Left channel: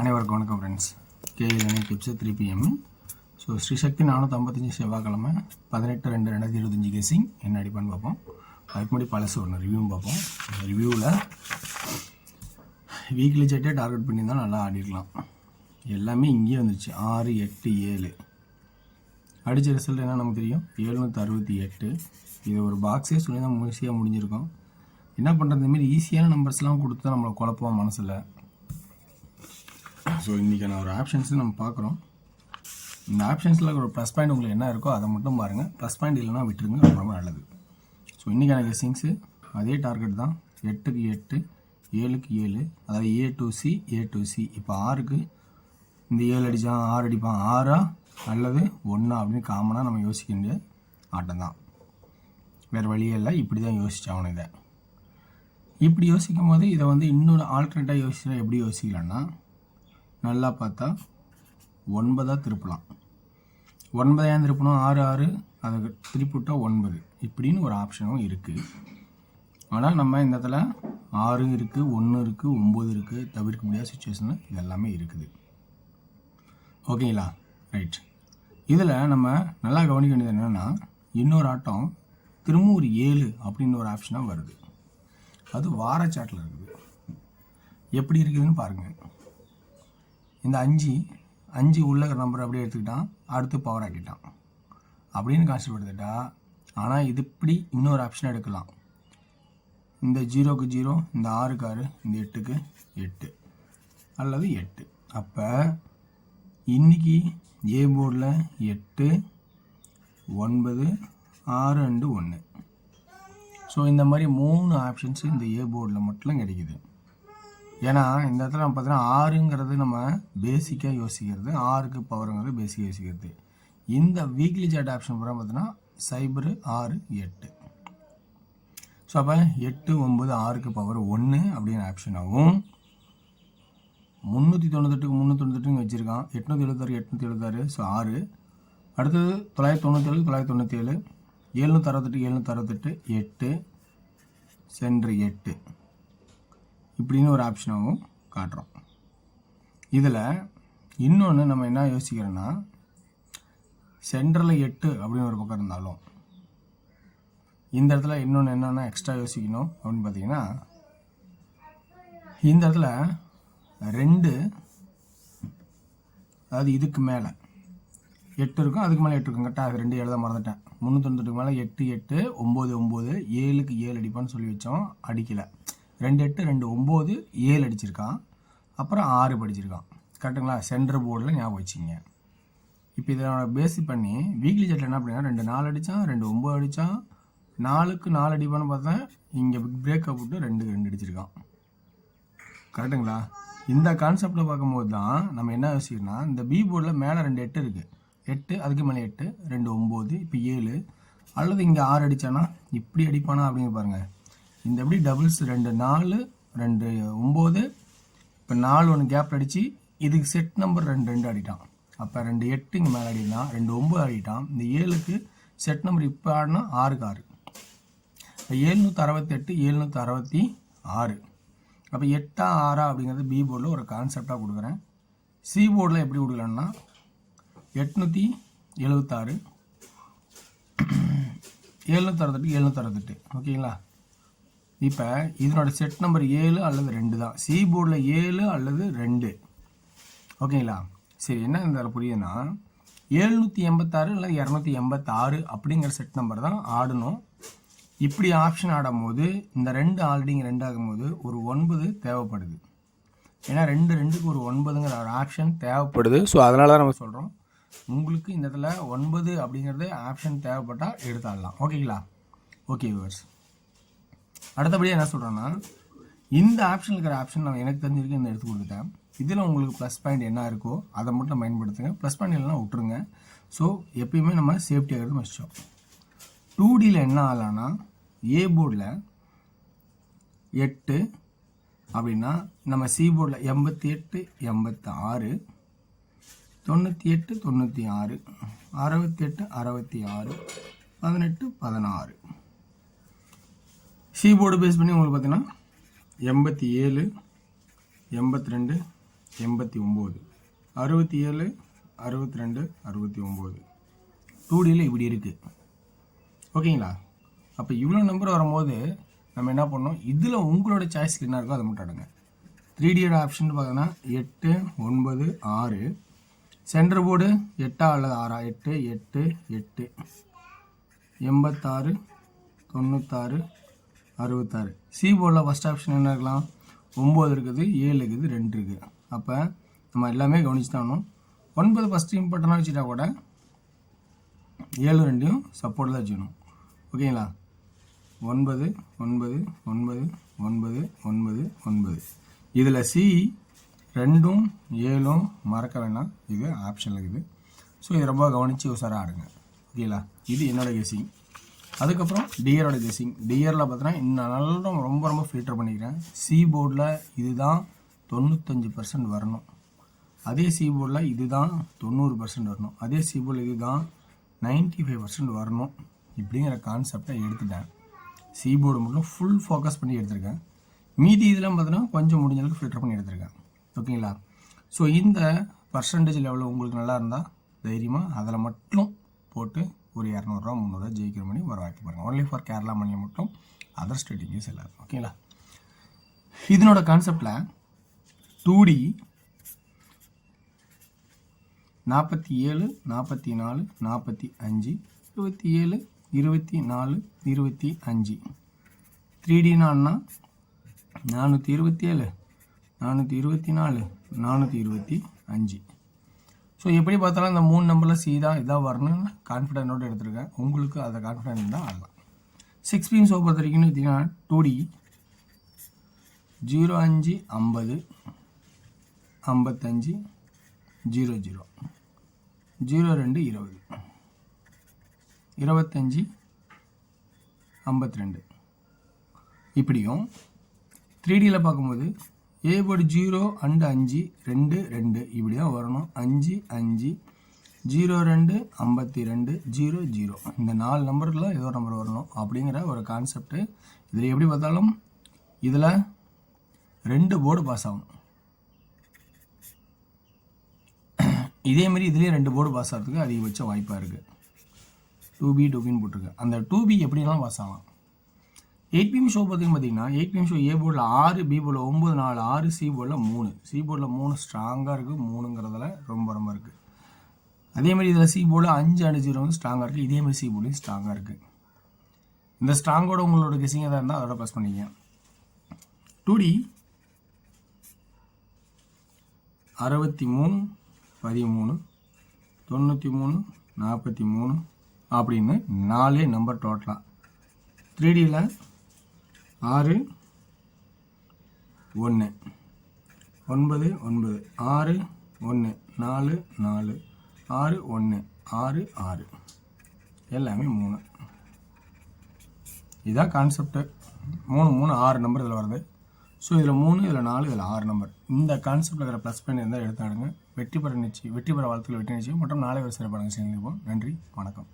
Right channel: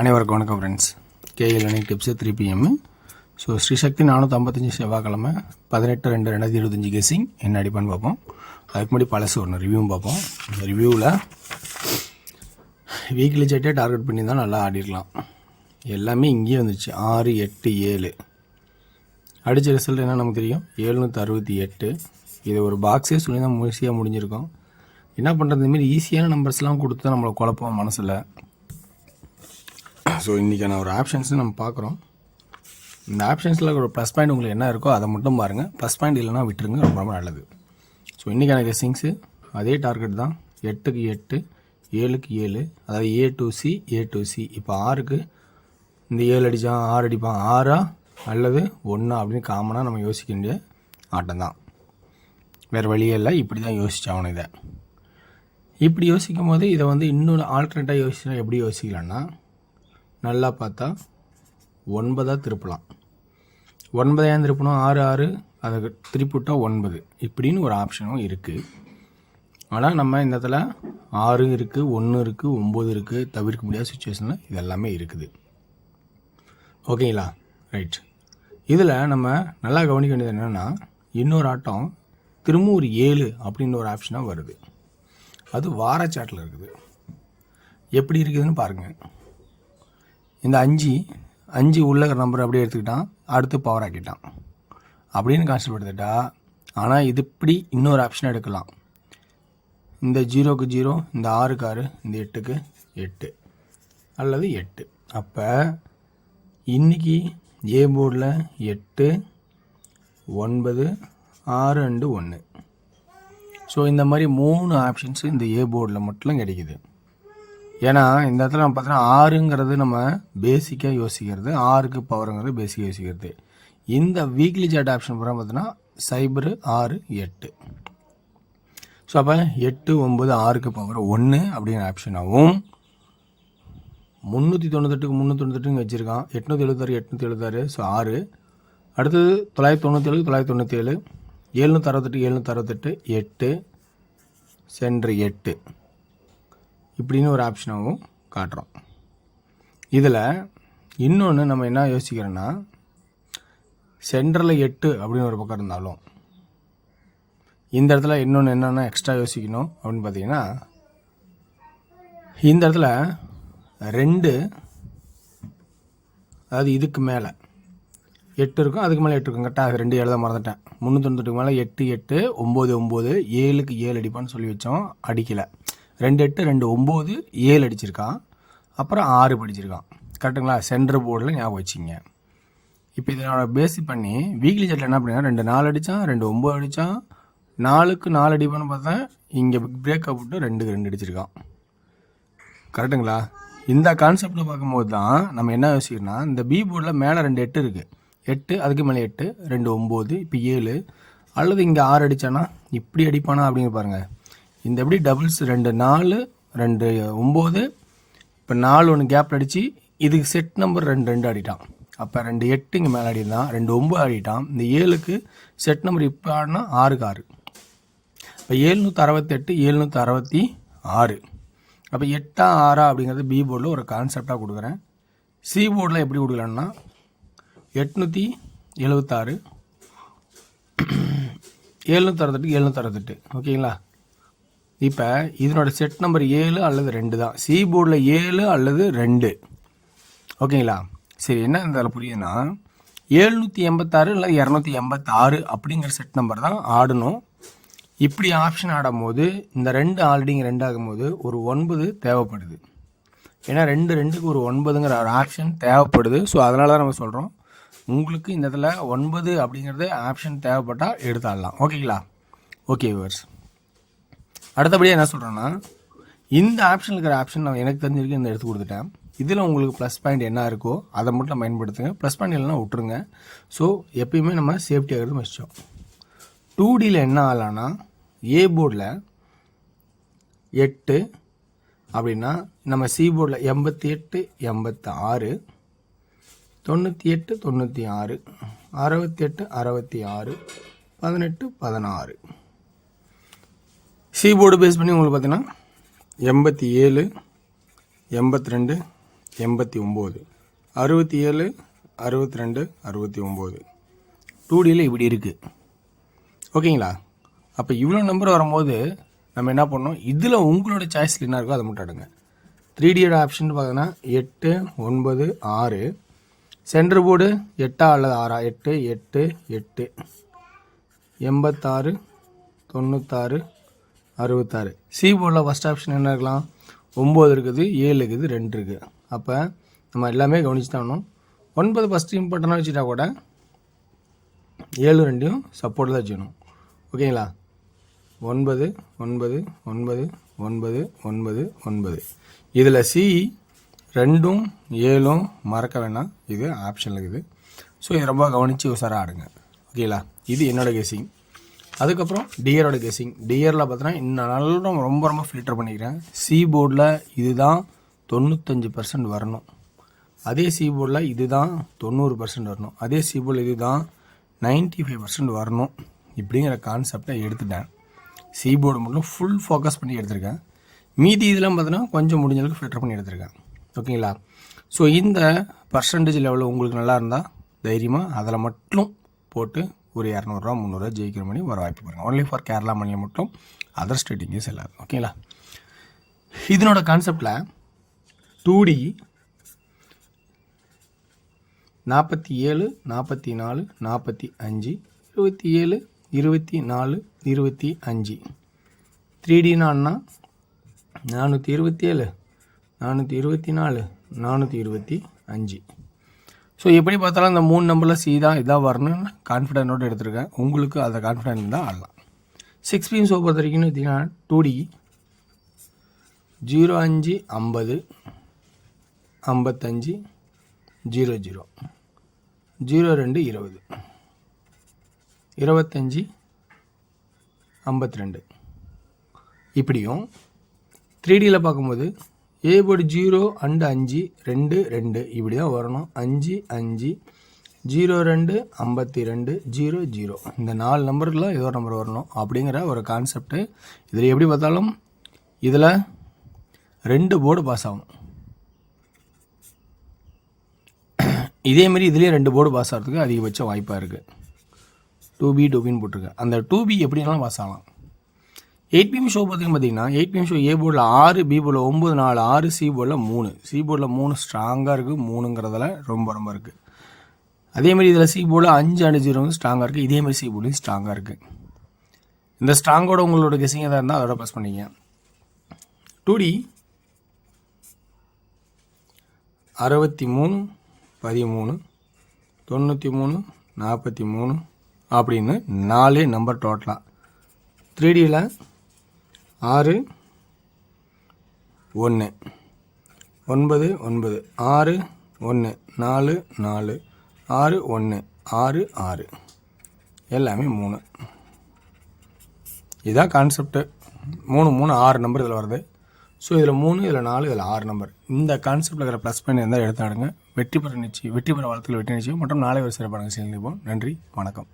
அனைவருக்கும் வணக்கம் friends. KL learning tips 3 PM. So Srishakti 455 செவ்வாய்க்கிழமை 18/2/2025 கெஸிங் என்ன அடிப்பான்னு பார்ப்போம். அதுக்கு முன்னாடி பழசு ஒன்று ரிவ்யூவும் பார்ப்போம். இந்த ரிவ்யூவில் வீக்லி ஜெட்டே டார்கெட் பண்ணி தான் நல்லா ஆடிடலாம். எல்லாமே இங்கேயே வந்துச்சு. 6, 8, 7 அடித்த ரிசல்ட் என்ன நமக்கு தெரியும், 768. இது ஒரு பாக்ஸே சொல்லி தான் ஈஸியாக முடிஞ்சிருக்கும். என்ன பண்ணுறது, இதுமாரி ஈஸியான நம்பர்ஸ்லாம் கொடுத்து நம்மளை குழப்பம் மனசில். ஸோ இன்றைக்கான ஒரு ஆப்ஷன்ஸு நம்ம பார்க்குறோம். இந்த ஆப்ஷன்ஸில் ஒரு ப்ளஸ் பாயிண்ட் உங்களுக்கு என்ன இருக்கோ அதை மட்டும் பாருங்கள். ப்ளஸ் பாயிண்ட் இல்லைனா விட்டுருங்க, ரொம்ப ரொம்ப நல்லது. ஸோ இன்றைக்கான கெஸ்ஸிங்ஸு அதே டார்கெட் தான். 8க்கு 8, 7க்கு 7, அதாவது A to C, A to C. இப்போ 6க்கு இந்த 7 அடித்தான் 6 அடிப்பான், 6 அல்லது 1 அப்படின்னு காமனாக நம்ம யோசிக்க வேண்டிய ஆட்டம் தான். வேறு வழியே இல்லை, இப்படி தான் யோசிச்சாகணும். இதை இப்படி யோசிக்கும் போது இதை இன்னொரு ஆல்டர்னேட்டாக யோசிச்சா எப்படி யோசிக்கலான்னா, நல்லா பார்த்தா 9 திருப்பலாம். 9 ஏன் திருப்பணும், 6 6 அதை திருப்பிவிட்டால் 9 இப்படின்னு ஒரு ஆப்ஷனும் இருக்குது. ஆனால் நம்ம இந்த இடத்துல 6 இருக்குது, 1 இருக்குது, 9 இருக்குது, தவிர்க்க முடியாத சுச்சுவேஷனில் இது எல்லாமே இருக்குது. ஓகேங்களா, ரைட். இதில் நம்ம நல்லா கவனிக்க வேண்டியது என்னென்னா, இன்னொரு ஆட்டம் திரும்ப ஒரு 7 அப்படின்னு ஒரு ஆப்ஷனாக வருது. அது வாரச்சாட்டில் இருக்குது. எப்படி இருக்குதுன்னு பாருங்கள். இந்த 5 உள்ள நம்பர் அப்படியே எடுத்துக்கிட்டான், அடுத்து பவர் ஆக்கிட்டான் அப்படின்னு கான்செப்ட் எடுத்துட்டா. ஆனால் இது இப்படி இன்னொரு ஆப்ஷன் எடுக்கலாம். இந்த 0க்கு 0, இந்த 6க்கு 6, இந்த 8க்கு 8 அல்லது 8. அப்போ இன்றைக்கி ஏ போர்டில் 8, 9, 6 அண்டு 1. ஸோ இந்த மாதிரி 3 ஆப்ஷன்ஸு இந்த ஏ போர்டில் மட்டும் கிடைக்குது. ஏன்னா இந்த இடத்துல நம்ம பார்த்தோன்னா 6ங்கிறது நம்ம பேசிக்காக யோசிக்கிறது, 6க்கு பவருங்கிறது பேசிக்காக யோசிக்கிறது. இந்த வீக்லி சார்ட் ஆப்ஷன் பூரா பார்த்தோன்னா 0, 6, 8. ஸோ அப்போ 8, 9, 6க்கு பவர் 1 அப்படிங்கிற ஆப்ஷனாகவும், 398க்கு 398 வச்சுருக்கான், 876, 876, ஸோ 6. அடுத்தது 997, 997, 768, 768, 8 சென்ட்ரு 8 இப்படின்னு ஒரு ஆப்ஷனாகவும் காட்டுறோம். இதில் இன்னொன்று நம்ம என்ன யோசிக்கிறோன்னா, சென்டரில் 8 அப்படின்னு ஒரு பக்கம் இருந்தாலும் இந்த இடத்துல இன்னொன்று என்னென்னா எக்ஸ்ட்ரா யோசிக்கணும் அப்படின்னு பார்த்தீங்கன்னா, இந்த இடத்துல 2, அதாவது இதுக்கு மேலே 8 இருக்கும், அதுக்கு மேலே 8 இருக்கும். கரெக்டாக அது 2 எழுத மறந்துட்டேன். 398க்கு மேலே 8, 8, 9, 9, 7க்கு 7 அடிப்பான்னு சொல்லி வச்சோம், அடிக்கலை. 2 8, 2 9, 7 அடிச்சிருக்கான், அப்புறம் 6 படிச்சிருக்கான். கரெக்டுங்களா? சென்டர் போர்டில் ஞாபகம் வச்சிங்க. இப்போ இதனோட பேசிக் பண்ணி வீக்லி சார்ட்டில் என்ன அப்படின்னா, 2 4 அடித்தான், 2 9 அடித்தான், 4க்கு 4 அடிப்பான்னு பார்த்தா இங்கே பிரேக்கப் விட்டு 2க்கு 2 அடிச்சிருக்கான். கரெக்டுங்களா? இந்த கான்செப்டில் பார்க்கும்போது தான் நம்ம என்ன யோசிக்கிறோன்னா, இந்த பி போர்டில் மேலே 2 8 இருக்குது, 8 அதுக்கு மேலே 8, 2 9, இப்போ 7, அல்லது இங்கே 6 அடித்தானா இப்படி அடிப்பானா அப்படிங்க பாருங்கள். இந்த எப்படி டபுள்ஸ் 2 4, 2 9, இப்போ 4 1 கேப்பில் அடித்து இதுக்கு செட் நம்பர் 2 2 ஆடிட்டான். அப்போ 2 8 இங்கே மேலே ஆடிட்டான், 2 9 ஆடிட்டான். இந்த 7க்கு செட் நம்பர் இப்போ ஆடினா 6க்கு 6. இப்போ 768, 766. அப்போ 8 6 அப்படிங்கிறது பி போர்டில் ஒரு கான்செப்டாக கொடுக்குறேன். சி போர்டில் எப்படி கொடுக்கலான்னா 876, 768, 768. ஓகேங்களா? இப்போ இதனோட செட் நம்பர் 7 அல்லது 2 தான். சி போர்டில் 7 அல்லது 2. ஓகேங்களா? சரி, என்ன இருந்தாலும் புரியுதுன்னா 786 இல்லை 286 அப்படிங்கிற செட் நம்பர் தான் ஆடணும். இப்படி ஆப்ஷன் ஆடும்போது இந்த 2 ஆல்ரெடி இங்கே 2 ஆகும்போது ஒரு 9 தேவைப்படுது. ஏன்னா 2 2க்கு ஒரு 9ங்கிற ஒரு ஆப்ஷன் தேவைப்படுது. ஸோ அதனால தான் நம்ம சொல்கிறோம், உங்களுக்கு இந்த இடத்துல 9 அப்படிங்கிறது ஆப்ஷன் தேவைப்பட்டால் எடுத்தாடலாம். ஓகேங்களா? ஓகே வியூவர்ஸ், அடுத்தபடியாக என்ன சொல்கிறேன்னா, இந்த ஆப்ஷன் இருக்கிற ஆப்ஷன் நான் எனக்கு தெரிஞ்சிருக்கு இந்த எடுத்து கொடுத்துட்டேன். இதில் உங்களுக்கு ப்ளஸ் பாயிண்ட் என்ன இருக்கோ அதை மட்டும் பயன்படுத்துங்க. ப்ளஸ் பாயிண்ட் இல்லைனா விட்டுருங்க. ஸோ எப்பயுமே நம்ம சேஃப்டி ஆகிறது வச்சோம். 2Dயில் என்ன ஆகலான்னா, ஏ போர்டில் 8 அப்படின்னா நம்ம சி போர்டில் 88, 86, 98, 96, 68, 66, 18, 16. சி போர்டு பேஸ் பண்ணி உங்களுக்கு பார்த்தீங்கன்னா 87, 82, 89, 67, 62, 69. 2Dயில் இப்படி இருக்குது. ஓகேங்களா? அப்போ இவ்வளோ நம்பர் வரும்போது நம்ம என்ன பண்ணோம், இதில் உங்களோட சாய்ஸில் என்ன இருக்கோ அதை மட்டும் எடுங்க. 3Dயோட ஆப்ஷன் பார்த்தீங்கன்னா 8, 9, 6. சென்டர் போர்டு 8 அல்லது 6, 8, 8, 8, 86, 96, 66. சி போர்டில் ஃபஸ்ட் ஆப்ஷன் என்ன இருக்கலாம், 9 இருக்குது, 7 இருக்குது, 2 இருக்குது. அப்போ நம்ம எல்லாமே கவனிச்சு தான் வேணும். 9 ஃபஸ்ட்டு இம்பார்ட்டண்டாக வச்சுட்டா கூட 7 2யும் சப்போர்ட் தான் வச்சுக்கணும். ஓகேங்களா? 9, 9, 9, 9, 9, 9. இதில் சி 2ம் 7ம் மறக்க வேணாம், இது ஆப்ஷனில் இருக்குது. ஸோ இதை ரொம்ப கவனித்து உசாராக ஆடுங்க. ஓகேங்களா? இது என்னோடய கெஸிங். அதுக்கப்புறம் டியரோட கெஸிங். டியரில் பார்த்தீங்கன்னா இன்னும் நல்லா ரொம்ப ரொம்ப ஃபில்டர் பண்ணிக்கிறேன். சி போர்டில் இதுதான் 95% வரணும், அதே சி போர்டில் இதுதான் 90% வரணும், அதே சி போர்டில் இதுதான் 95% வரணும். இப்படிங்கிற கான்செப்டை எடுத்துட்டேன். சி போர்டு மட்டும் ஃபுல் ஃபோக்கஸ் பண்ணி எடுத்திருக்கேன். மீதி இதெல்லாம் பார்த்தீங்கன்னா கொஞ்சம் முடிஞ்ச அளவுக்கு ஃபில்டர் பண்ணி எடுத்திருக்கேன். ஓகேங்களா? ஸோ இந்த பர்சன்டேஜ் லெவலில் உங்களுக்கு நல்லா இருந்தால் தைரியமாக அதில் மட்டும் போட்டு ஒரு 200 300 ஜெயிக்கிற மணி வர வாய்ப்பு பாருங்கள். ஒன்லி ஃபார் கேரளா மணியை மட்டும், அதர் ஸ்டேட்டிங்கே செல்லாது. ஓகேங்களா? இதனோட கான்செப்டில் 2D 47, 44, 45, 27, 24, 25. 3Dனா 427, 424, 425. ஸோ எப்படி பார்த்தாலும் அந்த 3 நம்பரில் சி தான் இதாக வரணும்னு கான்ஃபிடென்ட்டோடு எடுத்திருக்கேன். உங்களுக்கு அதை கான்ஃபிடென்ட் தான் ஆடலாம். 6 பீம் ஷோ பொறுத்த வரைக்கும் பார்த்தீங்கன்னா 2D 05, 50, 55, 00, 02, 20, 25, 52. இப்படியும் 3Dயில் பார்க்கும்போது ஏ போர்டு 0 and 5, 2, 2 இப்படி தான் வரணும். 5, 5, 02, 52, 00. இந்த 4 நம்பரில் ஏதோ ஒரு நம்பர் வரணும் அப்படிங்கிற ஒரு கான்செப்ட்டு. இதில் எப்படி பார்த்தாலும் இதில் 2 போர்டு பாஸ் ஆகும். இதேமாரி இதுலேயே 2 போர்டு பாஸ் ஆகிறதுக்கு அதிகபட்ச வாய்ப்பாக இருக்குது. 2Bன்னு போட்டிருக்கேன். அந்த 2B எப்படினாலும் பாஸ் ஆகலாம். 8 பீம் ஷோ பார்த்தீங்கன்னா 8 பீம் ஷோ ஏ போர்டில் 6, பி போர்டில் 9, 4, 6, சி போர்டில் 3. சி போர்டில் 3 ஸ்ட்ராங்காக இருக்குது, 3ங்கிறதுல ரொம்ப ரொம்ப இருக்குது. அதேமாதிரி இதில் சி போர்டில் 5 and 0 ஸ்ட்ராங்காக இருக்குது. இதேமாதிரி சி போர்டில் ஸ்ட்ராங்காக இருக்குது. இந்த ஸ்ட்ராங்கோட உங்களோட கெஸிங் எதாக இருந்தால் அதோட ப்ளஸ் பண்ணிங்க. 2D 63, 13, 93, 43 அப்படின்னு 4 நம்பர் டோட்டலாக. 3Dயில் 6, 1, 9, 9, 6, 1, 4, 4, 6, 1, 6, 6 எல்லாமே 3. இதுதான் கான்செப்ட்டு. 3, 3, 6 நம்பர் இதில் வருது. ஸோ இதில் 3, இதில் 4, இதில் 6 நம்பர். இந்த கான்செப்டில் இருக்கிற ப்ளஸ் பண்ணி இருந்தால் எடுத்தாடுங்க. வெற்றி பெற வாழ்த்துக்கள், வெற்றி நிச்சயம் மற்றும் நாளை ஒரு சிறப்பான செய்தி. நன்றி, வணக்கம்.